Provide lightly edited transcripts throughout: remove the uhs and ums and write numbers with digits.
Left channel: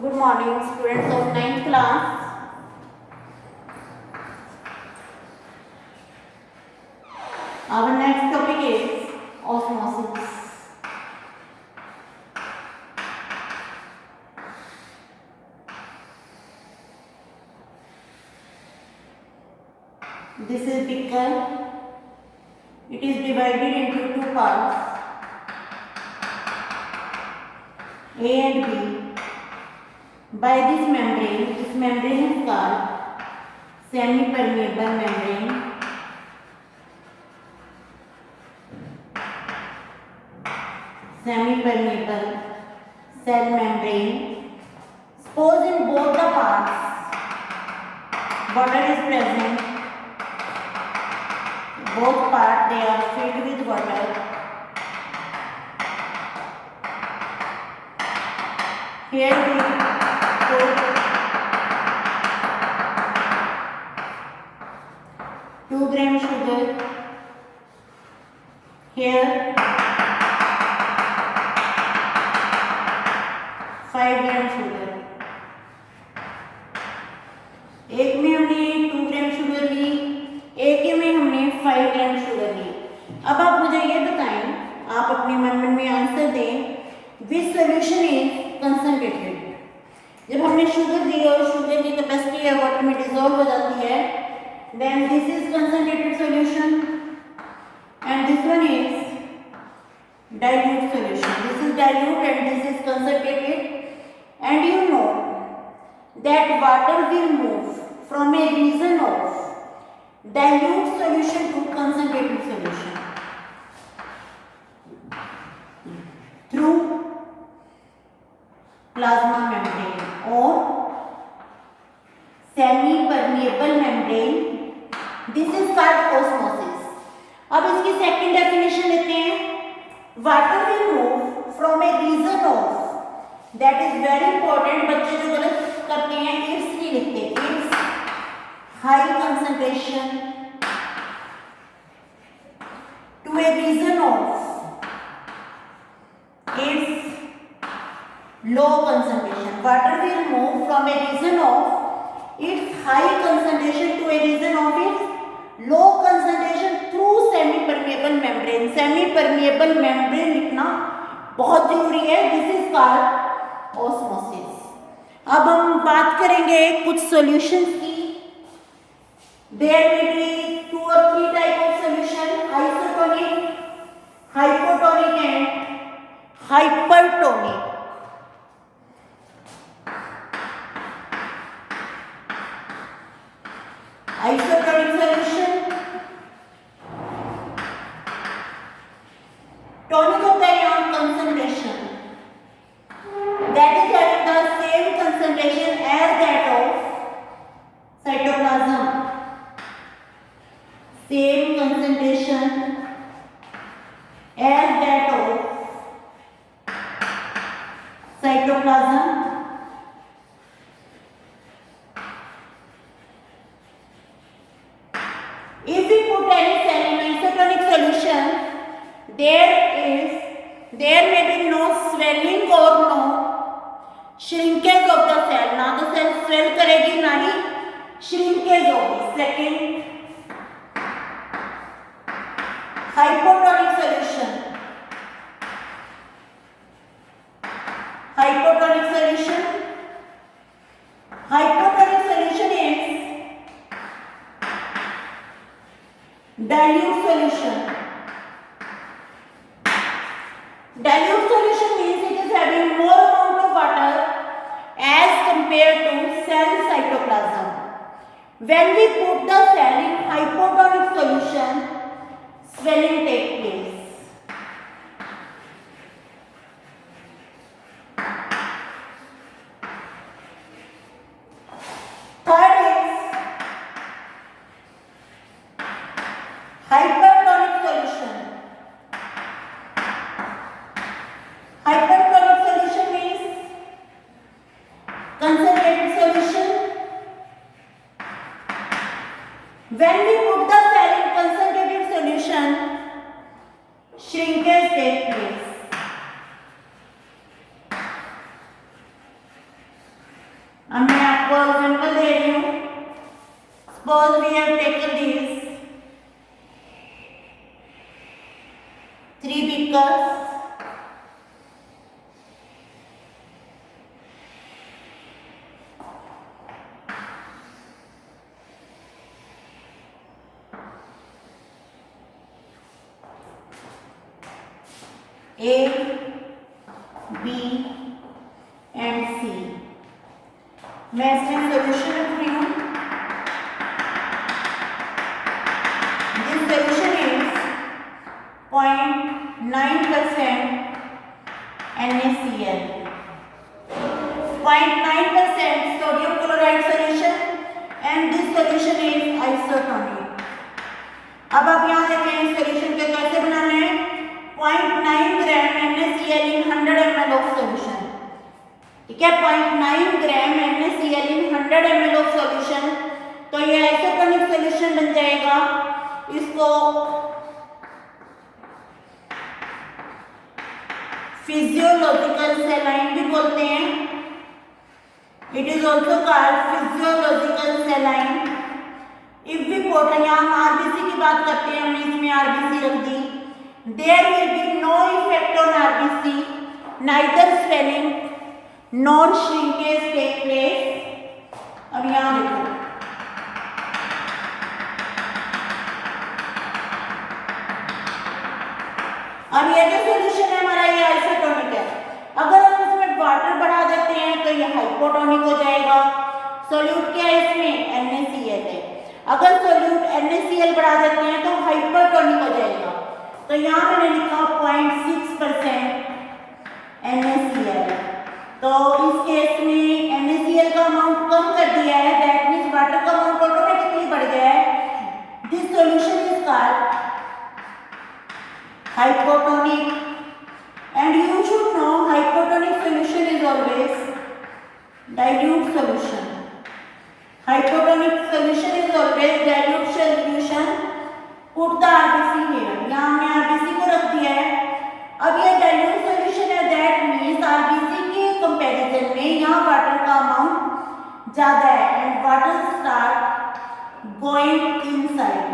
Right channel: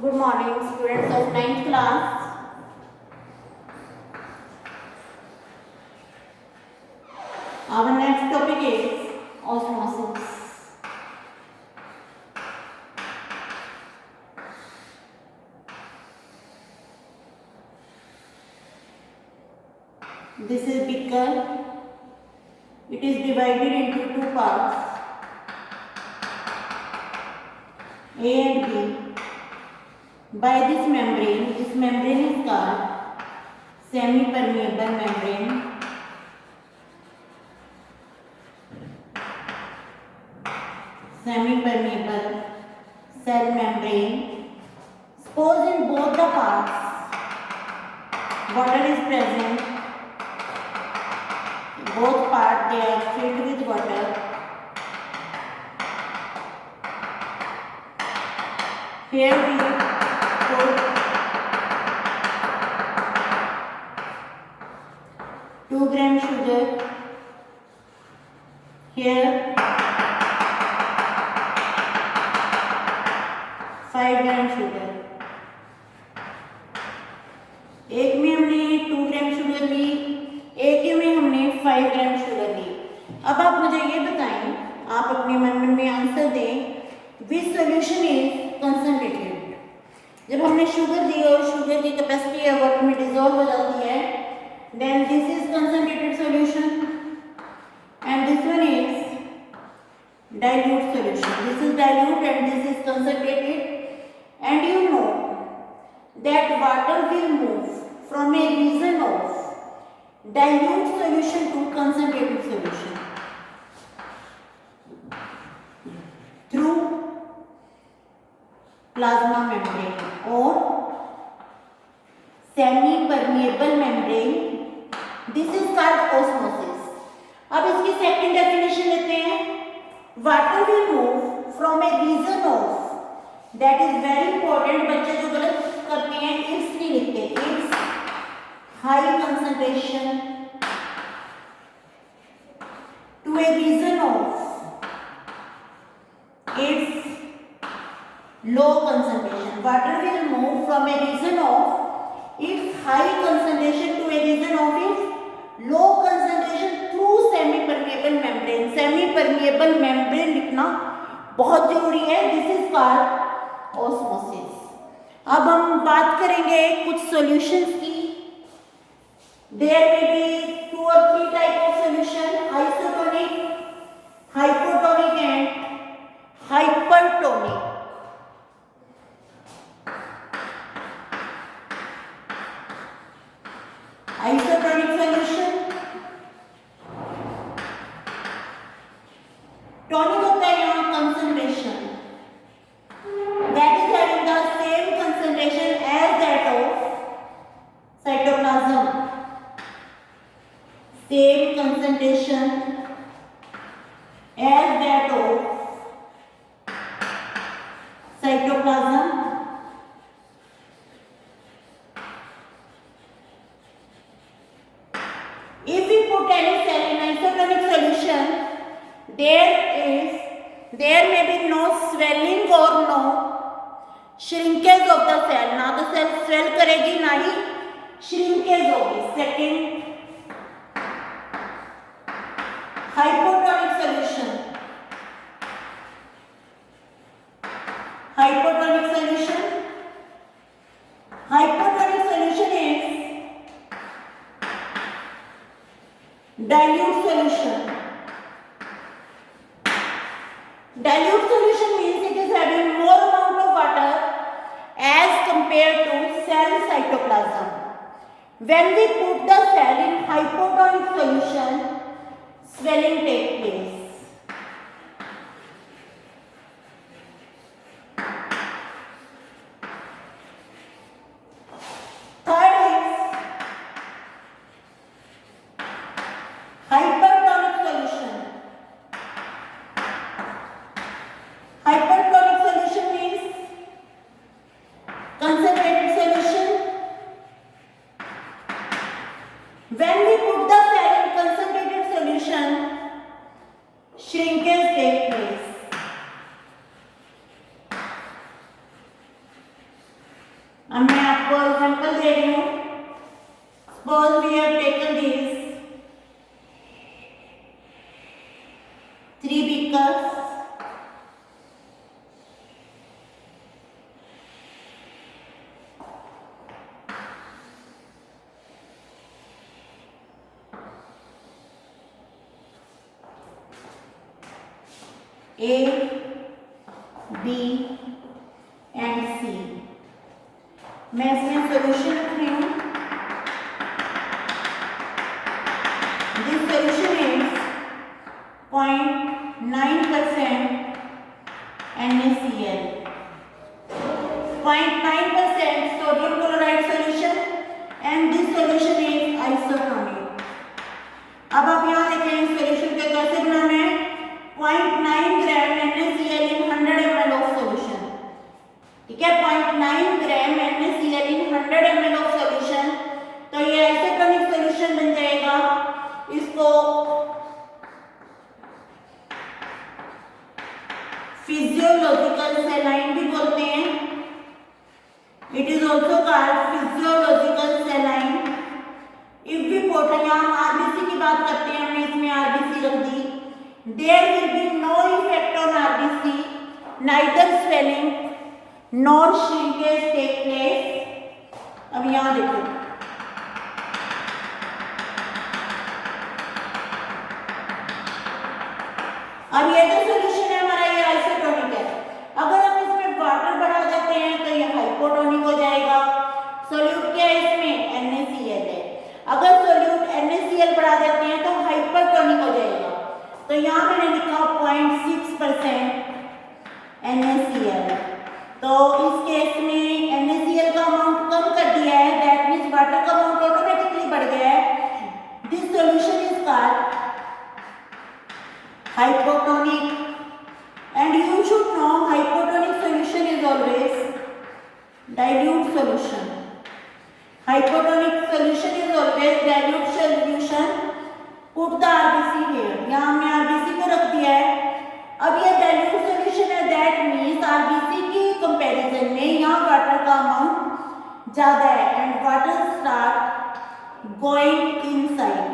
Good morning, students of 9th class. Our next topic is osmosis. This is beaker. It is divided into two parts, A and B. By this membrane is called semi-permeable membrane. Semi-permeable cell membrane. Suppose in both the parts water is present. Both parts they are filled with water. Here we put 2 gram sugar. Here 5 gram sugar. एक में हमने 2 gram sugar ली, एक में हमने 5 gram sugar ली. अब आप मुझे ये बताएं, आप अपने मन में आंसर दें, विच सोल्यूशन इज कंसंट्रेटेड. जब हमने शुगर दी और शुगर की कैपेसिटी है वाटर में डिसॉल्व हो जाती है, then this is concentrated solution and this one is dilute solution. This is dilute and this is concentrated. And you know that water will move from a region of dilute solution to concentrated solution through plasma membrane or semi-permeable membrane. This is called osmosis. अब इसकी second definition लेते हैं. Water will move from a region of, that is very important. बच्चे जो गलत करते हैं its नहीं लिखते, its high concentration to a region of its low concentration. Water will move from a region of its high concentration to a region of its low concentration through semi-permeable membrane. Semi-permeable membrane लिखना बहुत जरूरी है. This is called osmosis. अब हम बात करेंगे कुछ solutions की. There may be 2 or 3 type of solution: isotonic, hypotonic and hypertonic. Isotonic solution, tonic होता है यहाँ concentration, that is having the same concentration as that of cytoplasm. Same concentration as that of cytoplasm. If we put any cell in isotonic solution, there may be no swelling or no shrinkage of the cell. ना तो cell swell करेगी ना ही shrinkage होगी. Second, hypotonic solution. Hypotonic solution. Hypotonic solution is dilute solution. Dilute solution means it is having more amount of water as compared to cell cytoplasm. When we put the cell in hypotonic solution, swelling takes place. Third is hypertonic solution. Hypertonic solution means concentrated solution. When we put the cell in concentrated solution, shrinkage takes place. आपको example दे रही हूँ। Suppose we have taken this 3 beakers, A, B and C। मैं इसमें सोल्यूशन रख रही हूँ। This solution is 0.9% NaCl, 0.9% sodium chloride solution and this solution is isotonic। अब आप यहाँ देखें इस सोल्यूशन के कैसे बनाने हैं। 0.9 ग्राम NaCl in 100 ml of solution, ठीक है, 0.9 ग्राम NaCl in 100 ml of solution, तो ये आइसोटोनिक सोल्यूशन बन जाएगा। इसको फिजियोलॉजिकल सैलाइन भी बोलते हैं। It is also called physiological saline. If we portal, हम आरबीसी की बात करते हैं, हमने इसमें आरबीसी रख दी। There will be no effect on RBC, neither swelling nor shrinkage take place. अब यहाँ देखो, अब ये जो सोल्यूशन है हमारा ये आइसोटोनिक है। अगर हम इसमें वाटर बढ़ा देते हैं तो ये हाइपोटोनिक हो जाएगा। सोल्यूट क्या है इसमें, NaCl है। अगर सोल्यूट NaCl बढ़ा देते हैं तो हाइपरटोनिक हो जाएगा। तो यहाँ मैंने लिखा 0.6% NaCl। तो इस केस में NaCl का अमाउंट कम कर दिया है, दैट मीन्स वाटर का अमाउंट ऑटोमेटिकली बढ़ गया है। This solution is called hypotonic, and you should know hypotonic solution is always dilute solution। hypotonic solution is always dilute solution। put the RBC here, यहाँ हमने RBC को रख दिया है। अब ये dilute solution है, that means RBC के कंपैरिजन में यहाँ वाटर का अमाउंट ज्यादा है and water start going inside।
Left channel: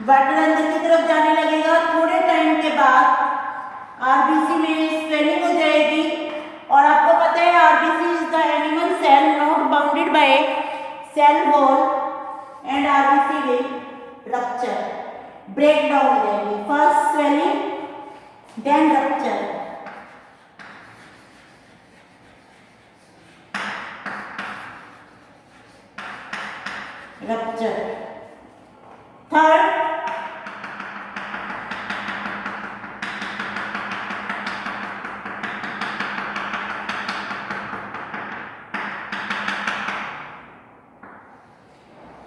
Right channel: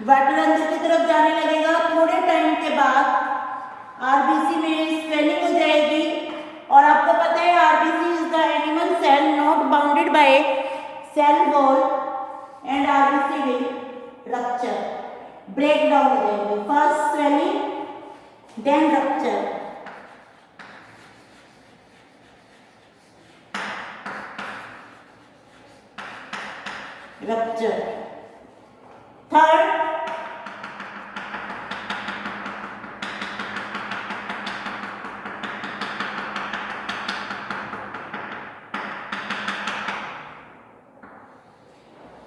Water अंदर की तरफ जाने लगेगा। थोड़े टाइम के बाद आरबीसी में स्वेलिंग हो जाएगी। और आपको पता है RBC is the animal cell not bounded by cell wall and RBC will rupture, break down हो जाएगी। First swelling then rupture. Rupture third,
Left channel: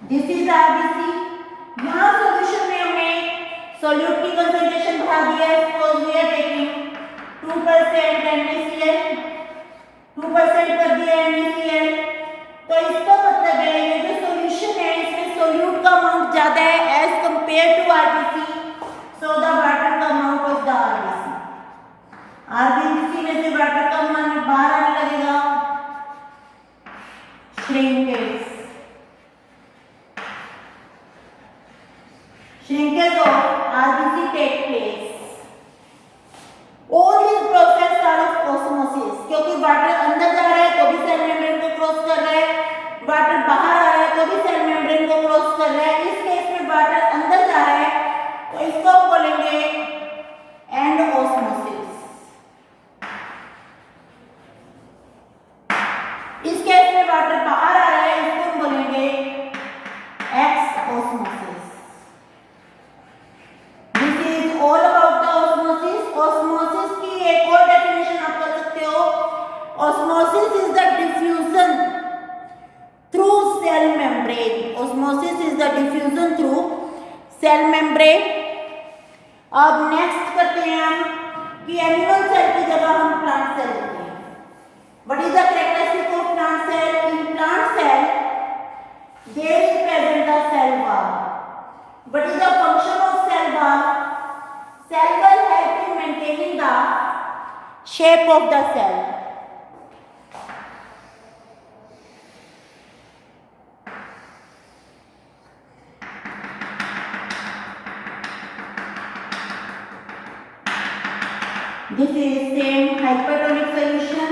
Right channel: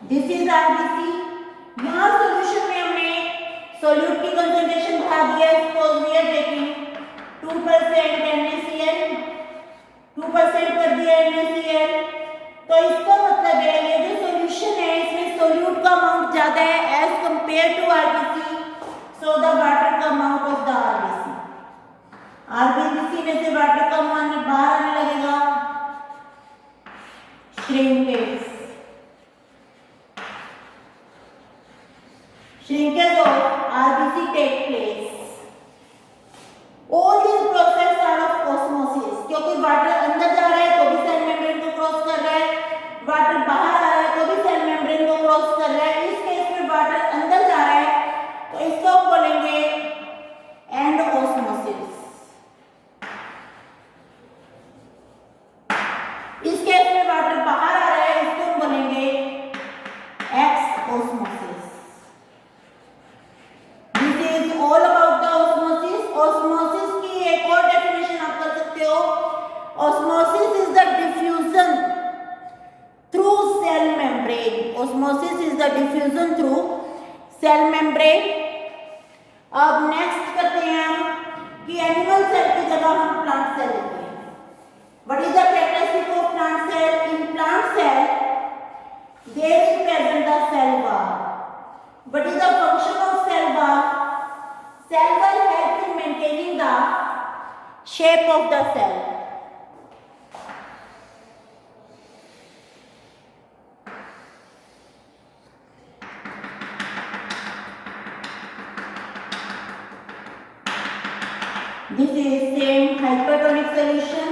this is RBC. यहाँ सोल्यूशन में हमने सोल्यूट की कंसंट्रेशन बढ़ा दिया है। Suppose we are taking 2% NaCl, 2% कर दिया NaCl। तो इसका मतलब है ये जो सोल्यूशन है इसमें सोल्यूट का अमाउंट ज्यादा है as compare to RBC, so the water का amount of the RBC, RBC में से वाटर का अमाउंट बाहर आने लगेगा। Shrinkage, shrinkage of RBC take place। All these process are of osmosis, क्योंकि वाटर अंदर जा रहा है तो भी सेल मेम्ब्रेन को क्रॉस कर रहा है, वाटर बाहर आ रहा है तो भी सेल मेम्ब्रेन को क्रॉस कर रहा है। इस केस में वाटर अंदर जा रहा है तो इसको बोलेंगे एंड ऑस्मोसिस। इस केस में वाटर बाहर आ रहा है, इसको हम बोलेंगे exosmosis. All about the osmosis. Osmosis की एक और डेफिनेशन आप कर सकते हो। Osmosis is the diffusion through cell membrane. Osmosis is the diffusion through cell membrane. अब नेक्स्ट करते हैं हम कि एनिमल सेल की जगह हम प्लांट सेल लेते हैं। What is the characteristic of plant cell? In plant cell there is present the cell wall. What is the function of cell wall? Cell wall help in maintaining the shape of the cell। This is same hypertonic solution.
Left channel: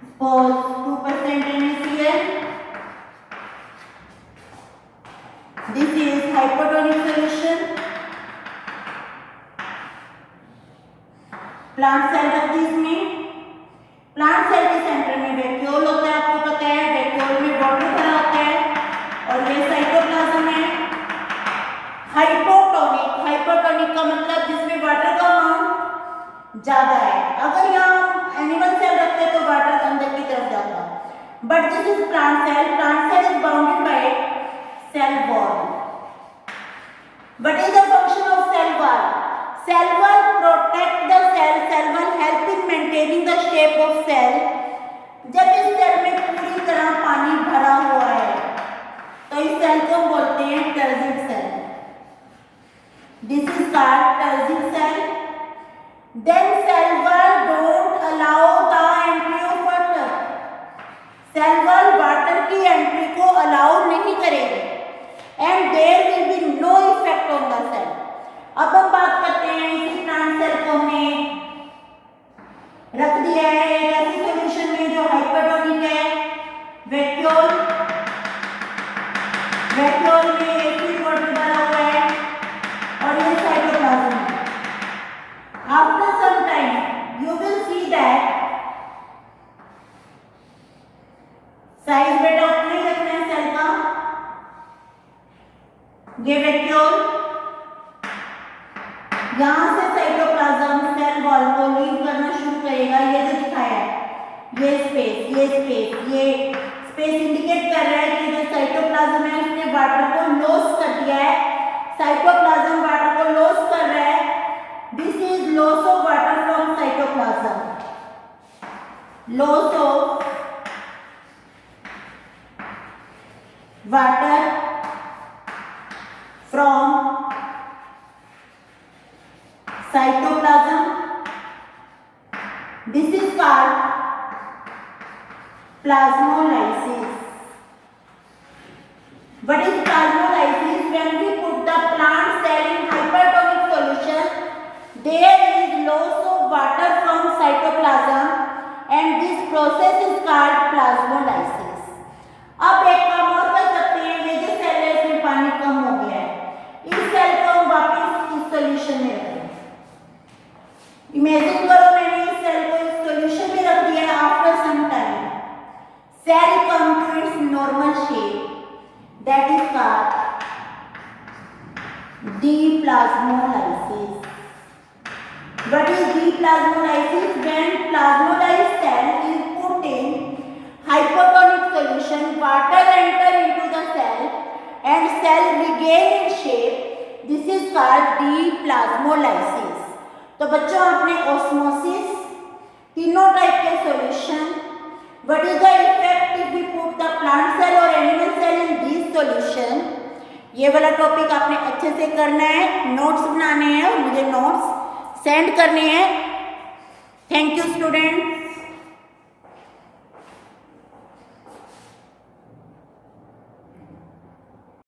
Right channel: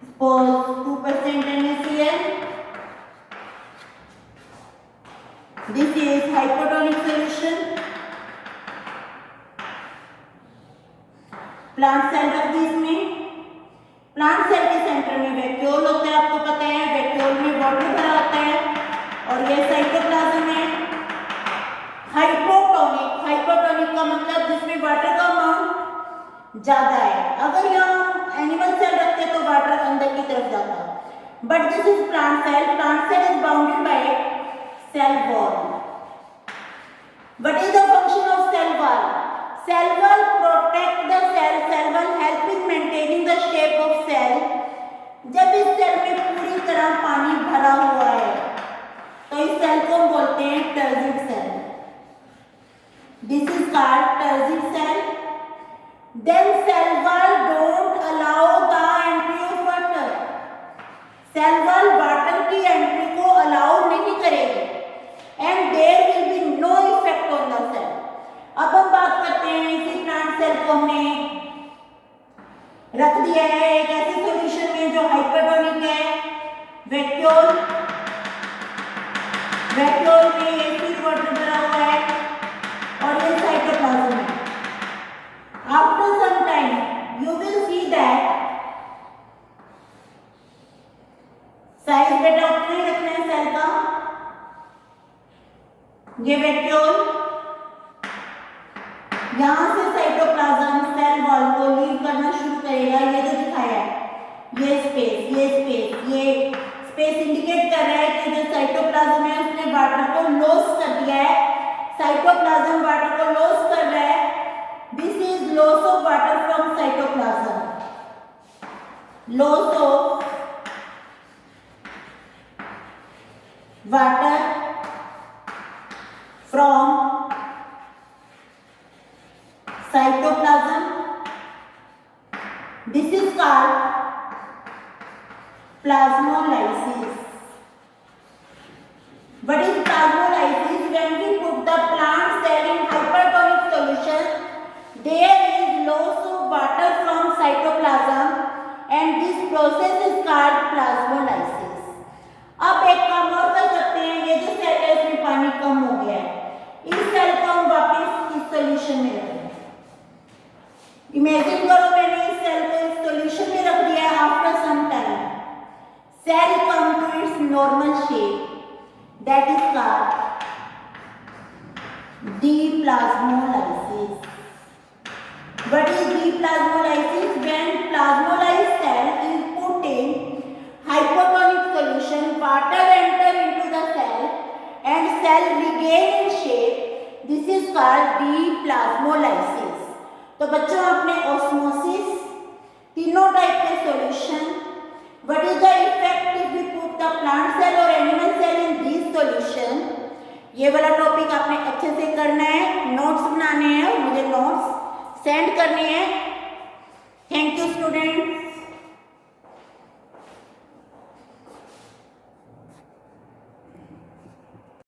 Suppose 2% NaCl. This is hypertonic solution. Plant cell रख दी इसमें. Plant cell के center में vacuole होता है, आपको पता है. वैक्यूल में वाटर भरा होता है और ये साइटोप्लाज्म है. हाइपोटोनिक, हाइपोटोनिक का मतलब जिसमें वाटर का अमाउंट ज्यादा है. अगर यहाँ एनिमल सेल रखते तो वाटर अंदर की तरफ जाता, but this is plant cell. Plant cell is bounded by cell wall. What is the function of cell wall? Cell wall protect the cell. Cell wall help in maintaining the shape of cell. जब इस सेल में पूरी तरह पानी भरा हुआ है तो इस सेल को बोलते हैं turgid cell. This is called turgid cell. Then cell wall don't allow the entry of water. Cell wall water की एंट्री को अलाउ नहीं करेगी. And there will be no effect on the cell. अब हम बात करते हैं इसी प्लांट सेल को हमने रख दिया है एक ऐसी सॉल्यूशन में जो हाइपरटोनिक है. वैक्यूल, वैक्यूल में एक्टिव वाटर भरा हुआ है और ये साइटोप्लाज्म है. After some time you will see that size बेटा उतना ही रखना है सेल का. ये वैक्यूल, यहां से साइटोप्लाज्म सेल वॉल को लीव करना शुरू करेगा. ये जो दिखाया है ये स्पेस इंडिकेट कर रहा है कि जो साइटोप्लाज्म है उसने वाटर को लॉस कर दिया है. साइटोप्लाज्म वाटर को लॉस कर रहा है. This is loss of water from cytoplasm. Loss of water from cytoplasm. This is called plasmolysis. What is plasmolysis? When we put the plant cell in hypertonic solution, there is loss of water from cytoplasm and this process is called plasmolysis. अब एक काम और कर सकते हैं. ये जो सेल है इसमें पानी कम हो गया है, इस सेल को हम वापस इस सॉल्यूशन में रखेंगे. इमेजिन करो मैंने इस सेल को इस सॉल्यूशन में रख दिया है. After some time cell come to its normal shape, that is called deplasmolysis. What is deplasmolysis? When plasmolysed cell is put in hypotonic solution, water enter into the cell and cell regain its shape. This is called deplasmolysis. तो बच्चों आपने ऑस्मोसिस, तीनों टाइप के solution, what is the effect if we put the plant cell or animal cell in this solution, ये वाला टॉपिक आपने अच्छे से करना है. नोट्स बनाने हैं और मुझे नोट्स सेंड करने हैं. Thank you student.